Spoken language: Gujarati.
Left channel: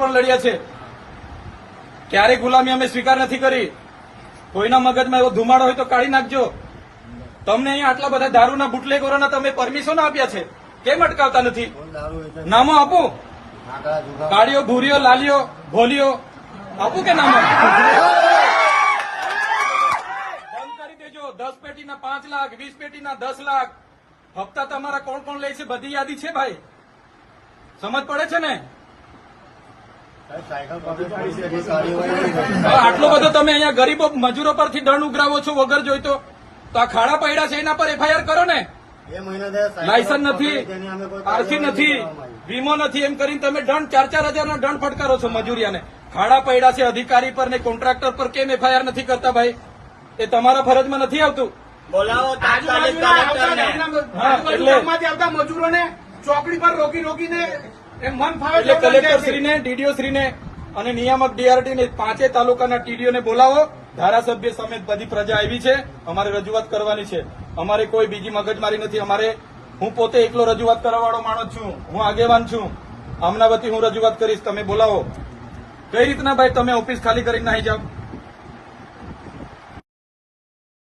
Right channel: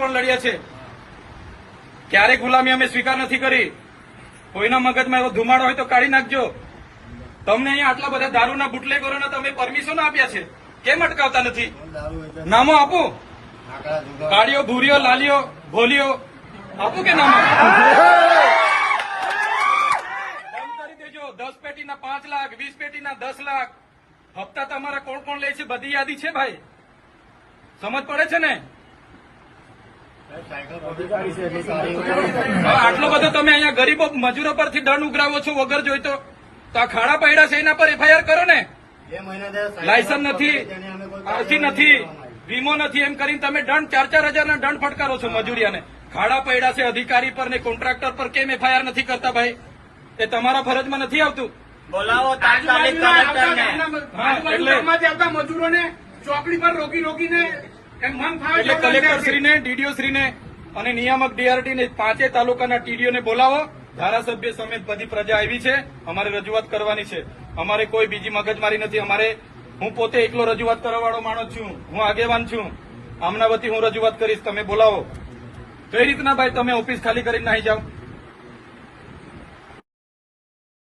પણ લડ્યા છે ક્યારેય ગુલામી અમે સ્વીકાર નથી કરી કોઈના મગજમાં એવો ધુમાડો હોય તો કાઢી નાખજો તમને અહીંયા આટલા બધા દારૂના બુટલેગોરોને તમે પરમિશન આપ્યા છે કેમ અટકાવતા નથી નામો આપો કાળીઓ ભૂરીઓ લાલીઓ ભોલીઓ આપો કે નામો કરી દેજો દસ પેટીના પાંચ લાખ વીસ પેટીના દસ લાખ હપ્તા તમારા કોણ કોણ લે છે બધી યાદી છે ભાઈ સમજ પડે છે ને આટલો બધો તમે અહીંયા ગરીબો મજૂરો પરથી દંડ ઉઘરાવો છો વગર જોઈતો તો આ ખાડા પૈડા છે એના પર એફઆઈઆર કરો ને લાયસન્સ નથી આરસી નથી વીમો નથી એમ કરીને તમે દંડ ચાર ચાર હજારના દંડ ફટકારો છો મજૂરિયાને ખાડા પૈડા છે અધિકારી પર ને કોન્ટ્રાક્ટર પર કેમ એફઆઈઆર નથી કરતા ભાઈ એ તમારા ફરજમાં નથી આવતું બોલાવો એટલે મજૂરોને ચોકડી પર રોકી રોકીને કલેક્ટરશ્રીને ડીડીઓશ્રીને અને નિયામક ડીઆરટીને પાંચે તાલુકાના ટીડીઓને બોલાવો ધારાસભ્ય સમેત બધી પ્રજા આવી છે અમારે રજૂઆત કરવાની છે અમારે કોઈ બીજી મગજમારી નથી અમારે હું પોતે એકલો રજૂઆત કરવાવાળો માણસ છું હું આગેવાન છું આમના વતી હું રજૂઆત કરીશ તમે બોલાવો કઈ રીતના ભાઈ તમે ઓફિસ ખાલી કરીને નહીં જાઓ